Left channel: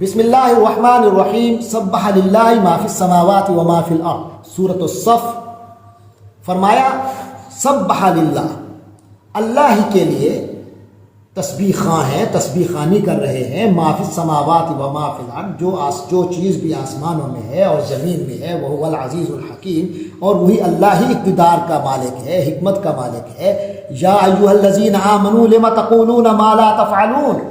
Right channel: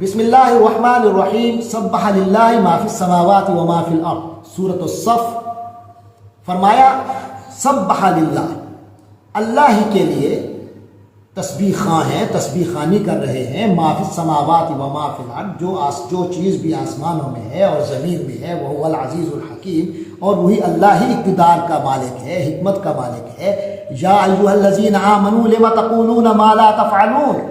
بسم اللہ الرحمن الرحیم سبح للہ ما فی السماوات و ما فی الارض سورۃ الصف۔ فرمایا سبح للہ، اللہ ہی کے لیے تسبیح خواں ہیں، تسبیح خوانی کر رہے ہیں، ما فی السماوات و ما فی الارض، جو چیز بھی آسمانوں میں ہے اور زمین میں ہے، وہ العزیز الحکیم، اور وہی اللہ ہی اقتدار کا مالک ہے، حکمت کا مالک ہے۔ یا ایھا الذین آمنوا لم تقولون ما لا تفعلون،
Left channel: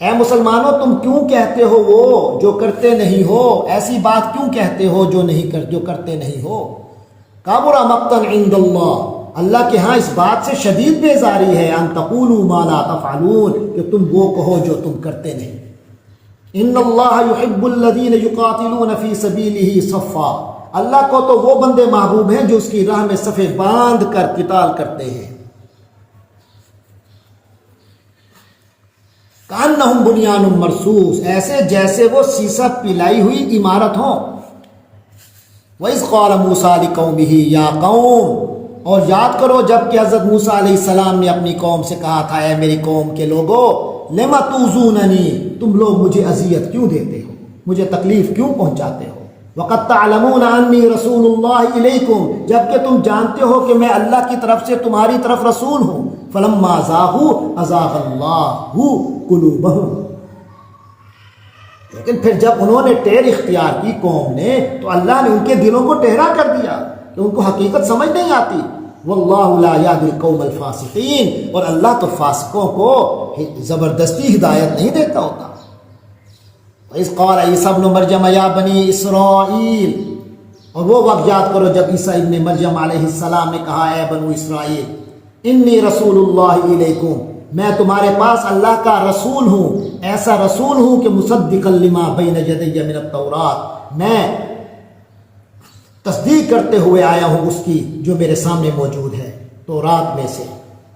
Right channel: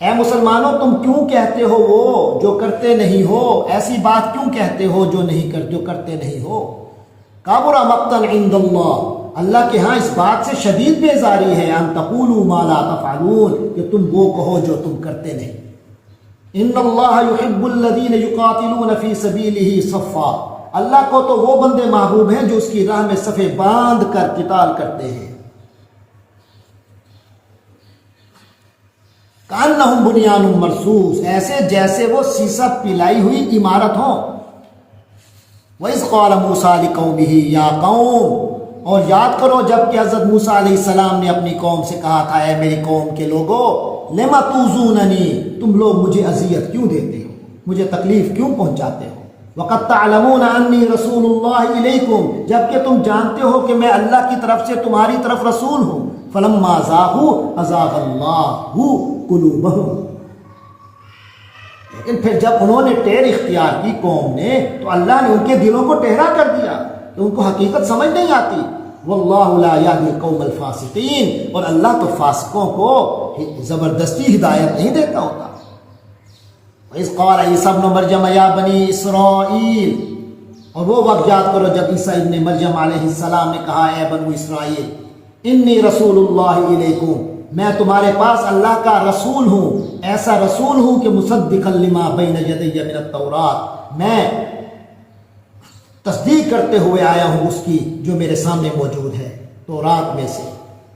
اے مسلمانوں تم کیوں کہتے ہو وہ جو کرتے نہیں ہو، ایسی بات کیوں کہتے ہو جو کرتے نہیں ہو۔ کبر مقتا عند اللہ، اللہ کے ہاں اس بات سے شدید بیزاری ہے، ان تقولوا ما لا تفعلون، کہ تم وہ کہو جو تم کرتے نہیں۔ ان اللہ یحب الذین یقاتلون فی سبیلہ صفا، اللہ کو تو وہ بندے محبوب ہیں جو اس کی راہ میں صفیں باندھ کر قتال کرتے ہیں۔ کأنہم بنیان مرصوص، ایسے جیسے وہ سیسہ پلائی ہوئی عمارت ہوں۔ وَإِذْ قَالَ مُوسَىٰ لِقَوْمِهِ يَا قَوْمِ، اور یاد کرو جب کہ حضرت موسیٰ علیہ السلام نے اپنی قوم سے کہا تھا، اے میری قوم کے لوگو، لِمَ تُؤْذُونَنِي، تم لوگ مجھے اذیت کیوں دیتے ہو، مجھے تکلیف کیوں پہنچاتے ہو۔ وَقَدْ تَعْلَمُونَ أَنِّي رَسُولُ اللَّهِ إِلَيْكُمْ، جبکہ تم جانتے ہو کہ میں اللہ کی طرف سے تمہاری طرف رسول ہوں۔ فَلَمَّا زَاغُوا أَزَاغَ اللَّهُ قُلُوبَهُمْ، لیکن پھر جب انہوں نے ٹیر اختیار کی قوم نے، تو اللہ نے ان کے دلوں کو ٹہرا کر دیا کہ ان کو حقیقت سمجھ نہیں آتی۔ وَاللَّهُ لَا يَهْدِي الْقَوْمَ الْفَاسِقِينَ، اور اللہ تو فاسقوں کو زبردستی ہدایت نہیں دیتا ہوتا۔ وَإِذْ قَالَ عِيسَىٰ ابْنُ مَرْيَمَ يَا بَنِي إِسْرَائِيلَ، اور وہ وقت یاد کرو جب عیسیٰ ابن مریم علیہ السلام نے کہا، اے بنو اسرائیل، انی رسول اللہ علیکم، میں تمہارے پاس اللہ کا رسول ہوں، ایسا رسول ہوں کہ مصدقا لما بین یدی من التوراۃ، میں تصدیق کرتے ہوئے آیا ہوں اس کی جو میرے سامنے موجود ہے تورات میں سے،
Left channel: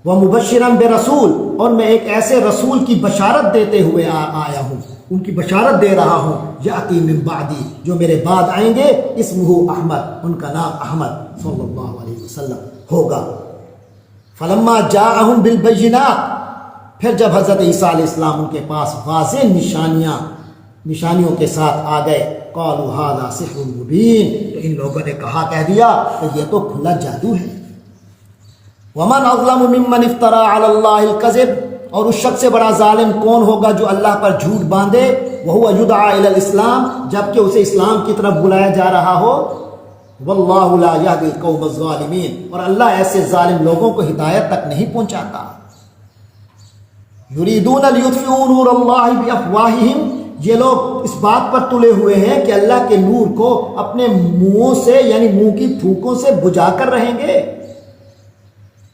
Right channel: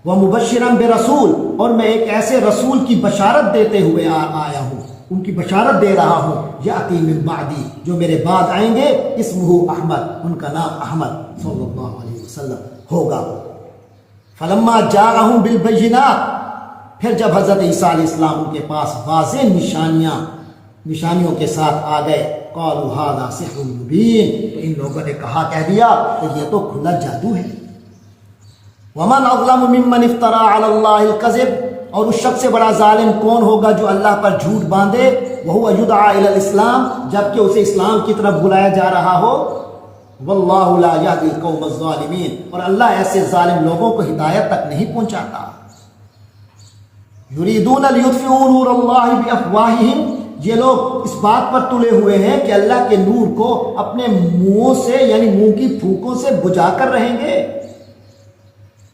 ومبشرا برسول، اور میں ایک ایسے رسول کی بشارت دیتے ہوئے آیا ہوں، ان کی بشارت دے رہا ہوں، یاتی من بعدی، جو میرے بعد آئیں گے، اسمہ احمد، ان کا نام احمد صلی اللہ علیہ وسلم ہوگا۔ فلما جاءہم بالبینات، پھر جب حضرت عیسیٰ علیہ السلام ان کے پاس واضح نشانیوں کے ساتھ آ گئے، قالوا ھذا سحر مبین، ان لوگوں نے کہہ دیا کہ یہ تو کھلا جادو ہے۔ ومن اظلم ممن افترى علی اللہ الکذب، اور اس شخص سے بڑا ظالم کون ہوگا جو اللہ پر جھوٹ باندھے، وہو یدعی الی الاسلام، جبکہ اسے اسلام کی طرف بلایا جا رہا ہو۔ واللہ لا یہدی القوم الظالمین، اور اللہ ایسے ظالم لوگوں کو ہدایت تک نہیں پہنچاتا۔ یریدون لیطفئوا نور اللہ بافواہہم، یہ لوگ اس بات پر تلے ہوئے ہیں کہ اللہ کے نور کو اپنے منہوں سے، یعنی منہ کی پھونکوں سے بجھا کر رہیں گے۔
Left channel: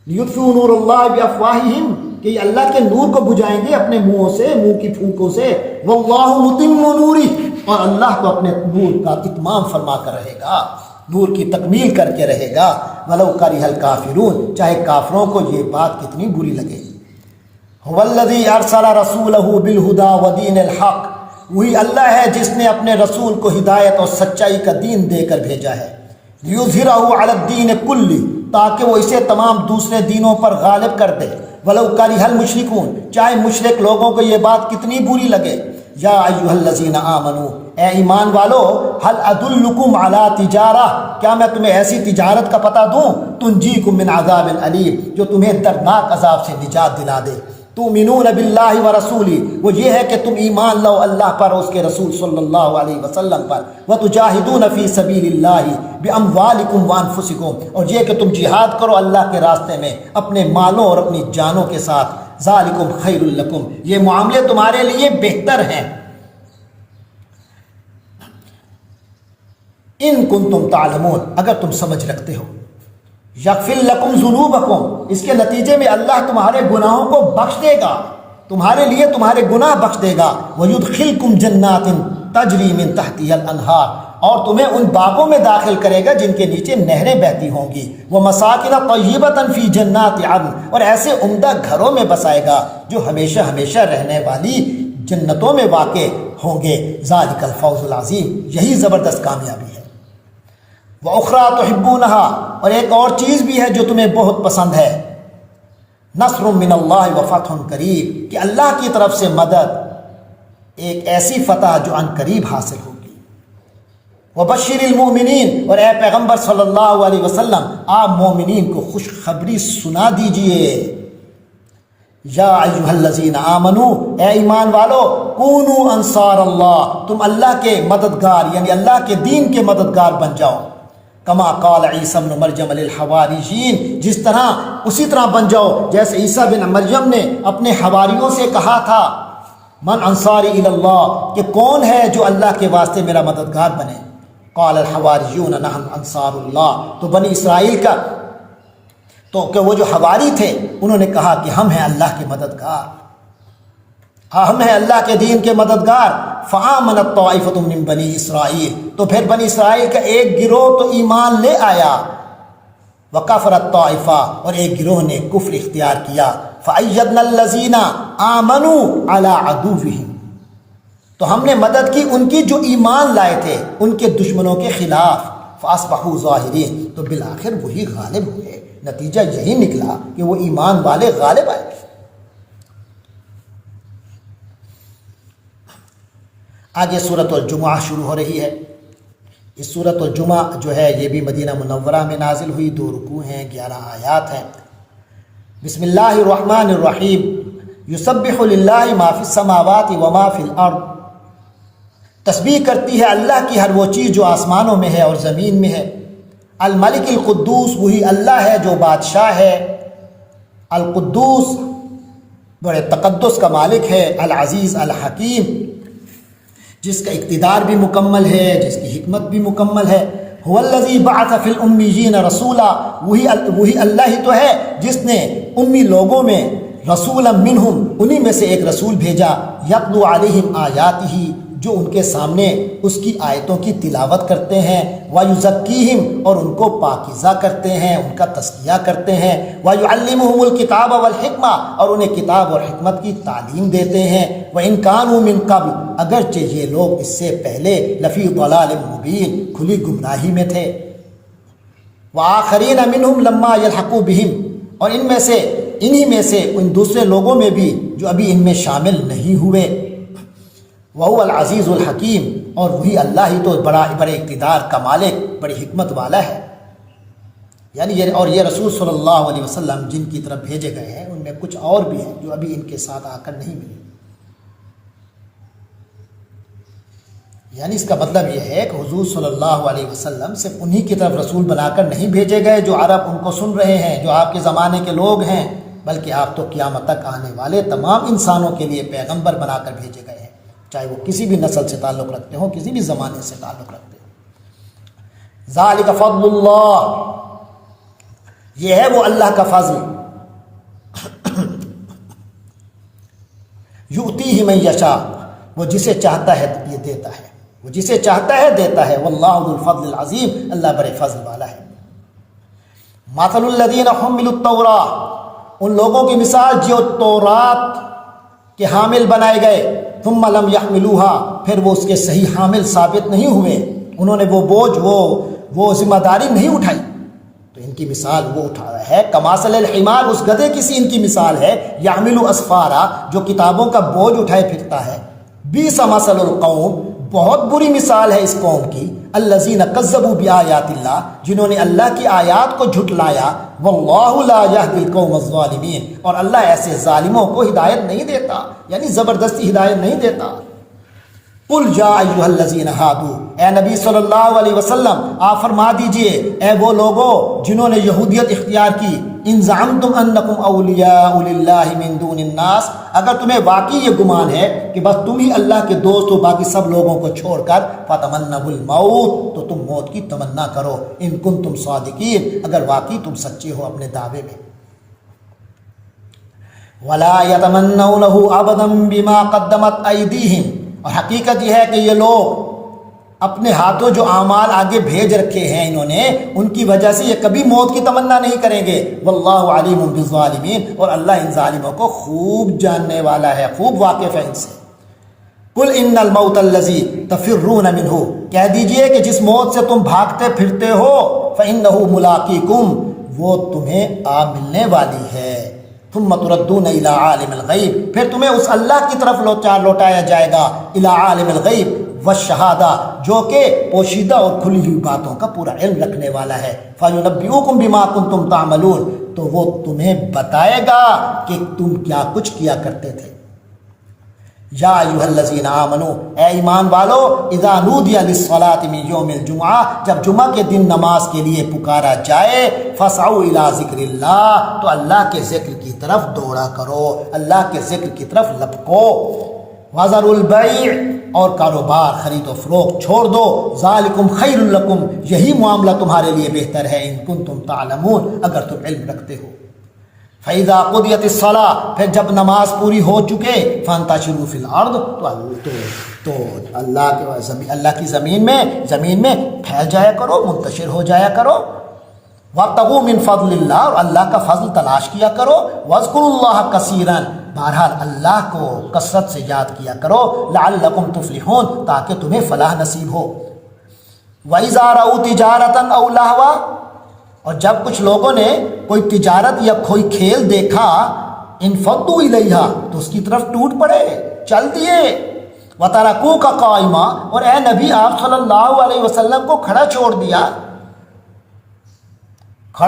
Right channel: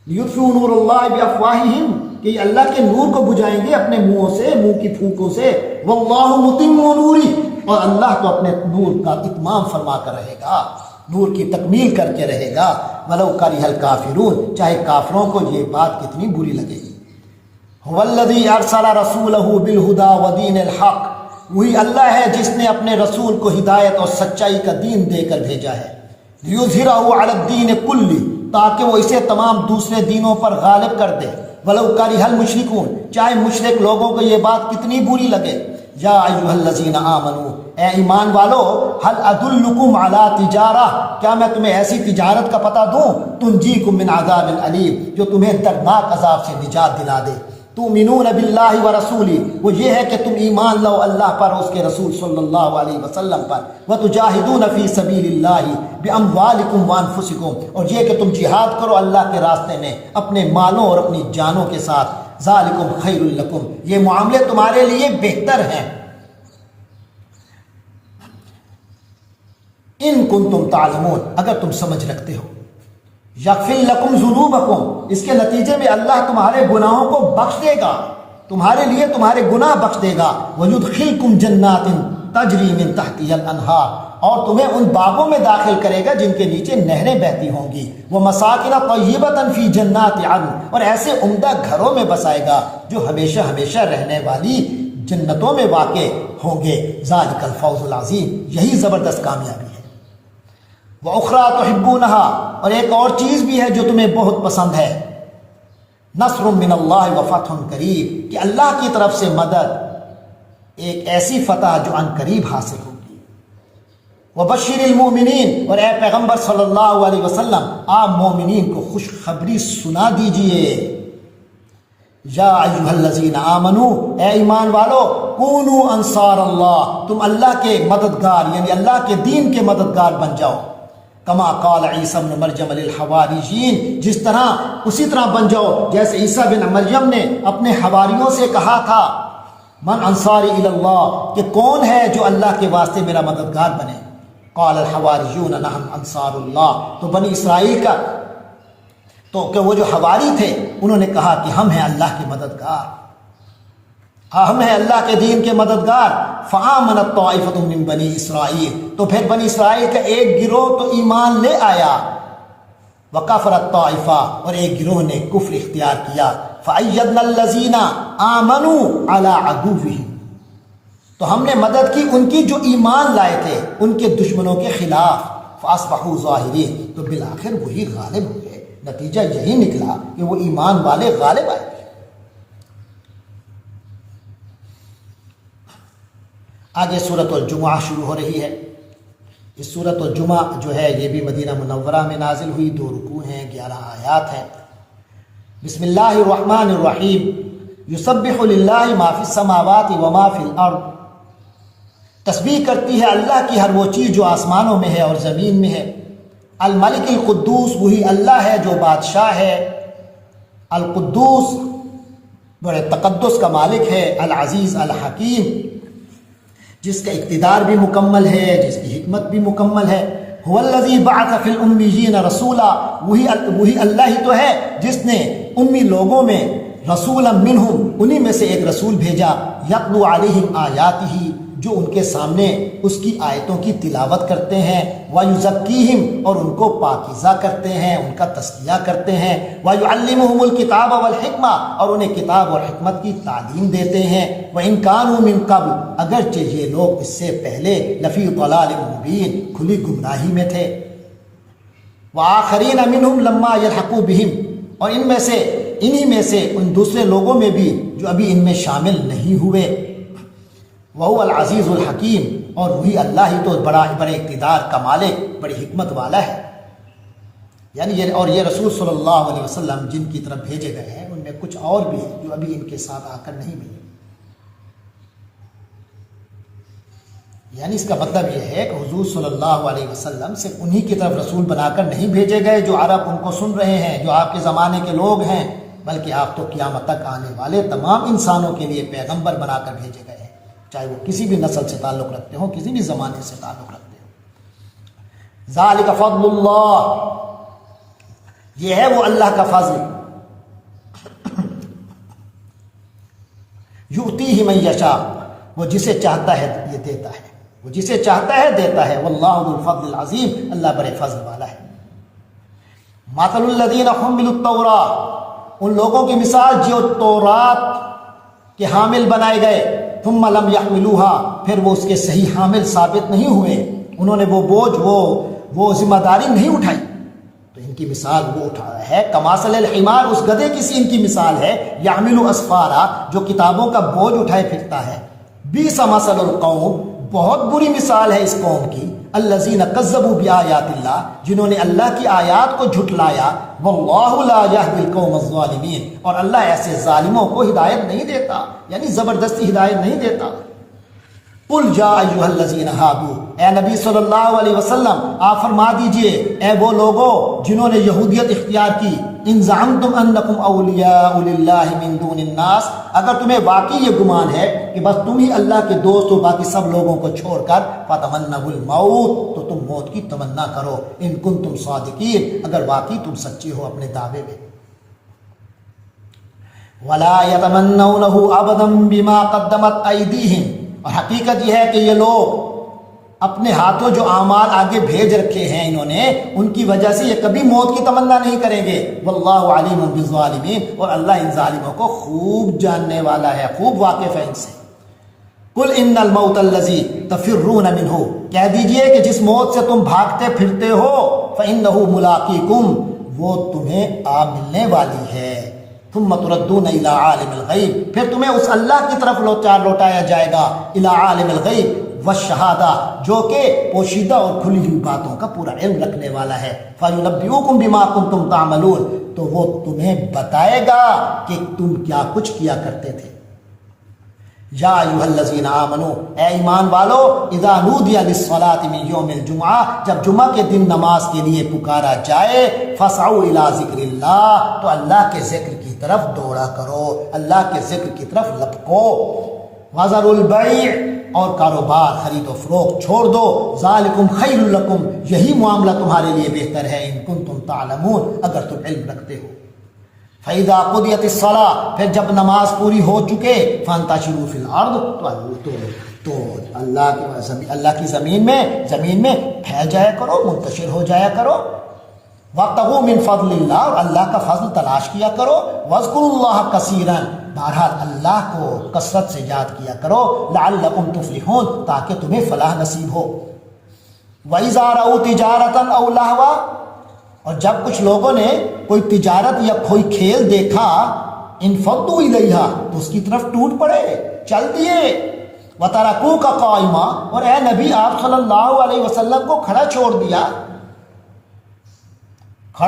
لیطفئوا نور اللہ بافواہہم، کہ اللہ کے نور کو بجھائیں گے اپنے منہوں سے، منہ کی پھونکوں سے۔ واللہ متم نورہ، اور اللہ تو اپنے نور کا اتمام فرما کر رہے گا، نور کی تکمیل کر کے رہے گا۔ ولو کرہ الکافرون، چاہے کافروں کو یہ بات کتنی بری لگے۔ هو الذی ارسل رسولہ بالہدی ودین الحق، وہی اللہ ہے جس نے اپنے رسول کو ہدایت اور سچائی کا دین دے کر بھیجا ہے۔ لیظہرہ علی الدین کلہ، تاکہ وہ اسے تمام دوسرے دینوں پر غالب کر دے۔ ولو کرہ المشرکون، چاہے مشرک لوگوں کو یہ بات کتنی بری لگے۔ یا ایھا الذین آمنوا، اے ایمان والو، هل ادلکم علی تجارہ، کیا میں تمہیں ایسی تجارت کا پتہ دوں، تنجیکم من عذاب علیم، جو تمہیں دردناک عذاب سے نجات دلا دے۔ تؤمنون باللہ ورسولہ، وہ یہ ہے کہ تم ایمان لو اللہ پر اور اس کے رسول صلی اللہ علیہ وسلم پر، وتجاہدون فی سبیل اللہ باموالکم وانفسکم، اور یہ کہ تم جہاد کرو اللہ کے راستے میں اپنے مالوں اور اپنی جانوں کے ساتھ۔ ذالکم خیر لکم، یہ معاملے تمہارے لیے بہتر ہیں۔ ان کنتم تعلمون، اگر تم سمجھ رکھتے ہو۔ یغفر لکم ذنوبکم، اس کے نتیجے میں اللہ تمہارے گناہوں کو بخش دے گا، تمہارے لیے تمہارے گناہ بخش دے گا۔ ویدخلکم جنات تجری من تحتها الانہار، اور تمہیں ان باغوں میں داخل کرے گا جن کے نیچے نہریں بہتی ہوں گی۔ ومساکن طیبۃ فی جنات عدن، اور ایسے عمدہ گھروں میں بسائے گا جو ہمیشہ ہمیشہ رہنے والی جنتوں میں واقع ہوں گے۔ ذالک الفوز العظیم، یہی زبردست کامیابی ہے۔ وَأُخْرَىٰ تُحِبُّونَهَا، اور ایک اور چیز بھی ہے جو تمہیں بہت پسند ہے۔ نصر من اللہ وفتح قریب، کہ اللہ کی طرف سے مدد ایک ایسی فتح جو عن قریب حاصل ہوگی۔ وبشر المؤمنین، اور اے پیغمبر صلی اللہ علیہ وسلم آپ مومنین کو خوشخبری سنا دیجئے۔ یا ایھا الذین آمنوا، اے ایمان والو، کونوا انصار اللہ، تم اللہ کے مددگار یعنی اللہ کے دین کے مددگار بن جاؤ۔ کما قال عیسیٰ بن مریم للحواریین، جس طرح اسی طرح بن جاؤ جیسے عیسیٰ بن مریم نے اپنے حواریوں سے کہا تھا، من انصاری الی اللہ، کہ کون ہے جو اللہ کے واسطے میرا مددگار بنے۔ قال الحواریون نحن انصار اللہ، تو بنی اسرائیل کا تو کہ وہ جو حواری تھے انہوں نے کہا کہ ہم ہیں اللہ کے مددگار، ہم ہیں اللہ کے دین کے مددگار۔ فآمنت طائفۃ من بنی اسرائیل، تو پھر بنی اسرائیل کا ایک گروہ تو ایمان لے آیا، وکفرت طائفہ، اور ایک گروہ نے کفر اختیار کیا۔ فأیدنا الذین آمنوا علی عدوہم، تو ہم نے مدد کی ان کی جو ایمان لائے تھے ان کے دشمنوں کے خلاف۔ فاصبحوا ظاہرین، تو بالآخر وہی غالب ہوئے، نتیجہ یہی نکلا کہ وہ ایمان والے غالب آئے۔ آگے سورۃ الجمعہ شروع ہو رہی ہے۔ اس سورۃ الجمعہ جو ہے یہ بھی مدینہ منورہ میں نازل ہوئی، 2 رکوع ہیں، 11 آیات ہیں۔ بسم اللہ الرحمن الرحیم، یسبح للہ ما فی السماوات وما فی الارض، تسبیح کرتی ہے اللہ کی ہر وہ چیز جو آسمانوں میں ہے اور زمین میں ہے۔ الملک القدوس، وہی اللہ ہے جو بادشاہ ہے، القدوس بڑے تقدس کا مالک ہے، العزیز الحکیم جس کا اقتدار بھی مکمل ہے، جس کی حکمت بھی مکمل ہے۔ هو الذی بعث فی الامیین رسولا، وہی اللہ ہی تو ہے جس نے امی لوگوں میں رسولا منہم، انہی میں سے ایک رسول بھیجا، یتلو علیہم آیاتہ، جو ان کے سامنے اس کی آیتوں کی تلاوت کرتے ہیں، وَيُزَكِّيهِمْ، اور ان کو پاکیزہ کرتے ہیں، ان کا تزکیہ کرتے ہیں، وَيُعَلِّمُهُمُ الْكِتَابَ وَالْحِكْمَةَ، اور انہیں کتاب اور حکمت کی تعلیم دیتے ہیں۔ وَإِنْ كَانُوا مِنْ قَبْلُ، اگرچہ یہ لوگ اس سے پہلے لفی ضلال مبین، کھلی گمراہی میں تھے۔ وَآخَرِينَ مِنْهُمْ لَمَّا يَلْحَقُوا بِهِمْ، اور ان میں سے انہی میں سے ان دوسرے لوگوں میں بھی جو ابھی ان میں شامل نہیں ہوئے۔ وَهُوَ الْعَزِيزُ الْحَكِيمُ، اور وہی اللہ ہی تو بڑے اقتدار کا مالک، بڑی حکمت والا ہے۔ یعنی یہ رسول صلی اللہ علیہ وسلم جن کی طرف بھیجے گئے ہیں ان میں کچھ اور بھی ہیں جو ابھی ان کے ساتھ آ کر نہیں ملے۔ یعنی اس کا مطلب یہ ہے کہ حضور صلی اللہ علیہ وسلم صرف انہی کی طرف رسول بنا کر نہیں بھیجے گئے جو عرب ان کو سن رہے ہیں، جو آپ کے زمانے کے لوگ ہیں، بلکہ آپ تو قیامت تک آنے والے تمام انسانوں کے لیے پیغمبر بنا کر بھیجے گئے ہیں، چاہے وہ کسی بھی نسل سے تعلق رکھتے ہوں، کسی بھی زمانے سے تعلق رکھتے ہوں۔ ذالک فضل اللہ، یہ ہے وہ اللہ کا فضل، یؤتیہ من یشاء، وہ جسے چاہتا ہے یہ دیتا ہے، وہ جسے چاہتا ہے دیتا ہے۔ واللہ ذو الفضل العظیم، اللہ بڑے فضل والا ہے۔ مثل الذین حملوا التوراۃ، ان لوگوں کی مثال جو تورات کے حامل بنائے گئے، ثم لم يحملوها، پھر وہ اس کے صحیح حامل ثابت نہیں ہوئے، انہوں نے وہ بوجھ وہ ذمہ داری نہیں اٹھائی، تو ان کی مثال وہ اٹھایا ہے کمثل الحمار، اس گدھے کی سی ان کی مثال ہے، یحمل اسفارا، جو کتابوں کا بوجھ اٹھائے پھرتا ہے۔ بئس مثل القوم، بہت بری مثال ہے اس قوم کی، الذین کذبوا بآیات اللہ، جنہوں نے اللہ کی آیات کو جھٹلایا، واللہ لا یہدی القوم الظالمین، اور اللہ ایسے ظالموں کو ہدایت نہیں دیتا، یعنی زبردستی ہدایت نہیں دیتا۔ قل یا ایھا الذین ہادوا، اے نبی صلی اللہ علیہ وسلم آپ فرما دیجئے اے وہ لوگوں جنہوں نے یہودیت اختیار کی، ان زعمتم انکم اولیاء للہ من دون الناس، اگر تمہیں واقعی یہ گمان ہے کہ بس تم ہی اللہ کے دوست ہو باقی سب لوگوں کو چھوڑ کر، فتمنوا الموت، تو تم موت کی تمنا کرو، ان کنتم صادقین، اگر واقعی تم سچے ہو اپنے دعوے میں۔ ولا يتمنونه ابدا بما قدمت ایدیہم، اور حقیقت یہ ہے کہ یہ لوگ اپنے ہاتھوں جو اعمال آگے بھیج رکھے ہیں انہوں نے، ان کی وجہ سے یہ کبھی موت کی تمنا نہیں کریں گے۔ واللہ علیم بالظالمین، اور اللہ ان ظالموں کو خوب جاننے والا ہے، خوب واقف ہے ان سے۔ قل ان الموت الذی تفرون منہ، کہہ دیجئے کہ جس موت سے تم بھاگتے پھرتے ہو، فانہ ملاقیکم، وہ تمہیں آ ملنے والی ہے۔ ثم تردون الی عالم الغیب، پھر تمہیں اس اللہ کی طرف لوٹایا جائے گا، الی عالم الغیب والشہادہ، جو کہ پوشیدہ اور کھلی ہوئی باتوں کا پورا علم رکھنے والا ہے، فینبئکم بما کنتم تعملون، تو وہ تمہیں بتائے گا کہ تم کیا کچھ کیا کرتے تھے۔ یا ایھا الذین آمنوا، اے ایمان والو، اذا نودی للصلاۃ من یوم الجمعہ، جب جمعہ کے دن نماز کے لیے پکارا جائے، فاسعوا الی ذکر اللہ، تو اللہ کے ذکر کی طرف دوڑا کرو، اللہ کے ذکر کی طرف لپکو، وذروا البیع، اور کاروبار خرید و فروخت چھوڑ دو، ذالکم خیر لکم، یہی معاملہ تمہارے لیے بہتر ہے، ان کنتم تعلمون، اگر تم علم رکھتے ہو۔ فَإِذَا قُضِيَتِ الصَّلَاةُ، پھر جب نماز پوری ہو چکے، فَانْتَشِرُوا فِي الْأَرْضِ، تو اللہ کی زمین میں پھیل جایا کرو، منتشر ہو جایا کرو، وَابْتَغُوا مِنْ فَضْلِ اللَّهِ، اور اللہ کا فضل تلاش کیا کرو، وَاذْكُرُوا اللَّهَ كَثِيرًا، بہرحال اللہ کو کثرت سے یاد کیا کرو، لَعَلَّكُمْ تُفْلِحُونَ، تاکہ تمہیں فلاح نصیب ہو۔ وَإِذَا رَأَوْا تِجَارَةً أَوْ لَهْوًا، اور جب کچھ لوگوں نے کوئی تجارت یا کوئی کھیل دیکھا، انفضوا الیہا، تو اس کی طرف ٹوٹ پڑے، چل دیے، وترکوک قائما، اور اے نبی آپ صلی اللہ علیہ وسلم کو کھڑا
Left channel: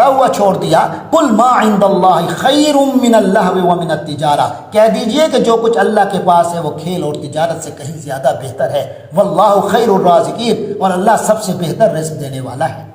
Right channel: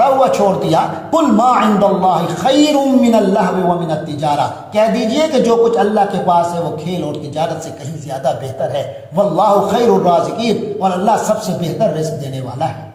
ہوا چھوڑ دیا، قل ما عند اللہ خیر من اللہو ومن التجارہ، کہہ دیجئے کہ جو کچھ اللہ کے پاس ہے وہ کھیل اور تجارت سے کہیں زیادہ بہتر ہے، واللہ خیر الرازقین، اور اللہ سب سے بہتر رزق دینے والا ہے۔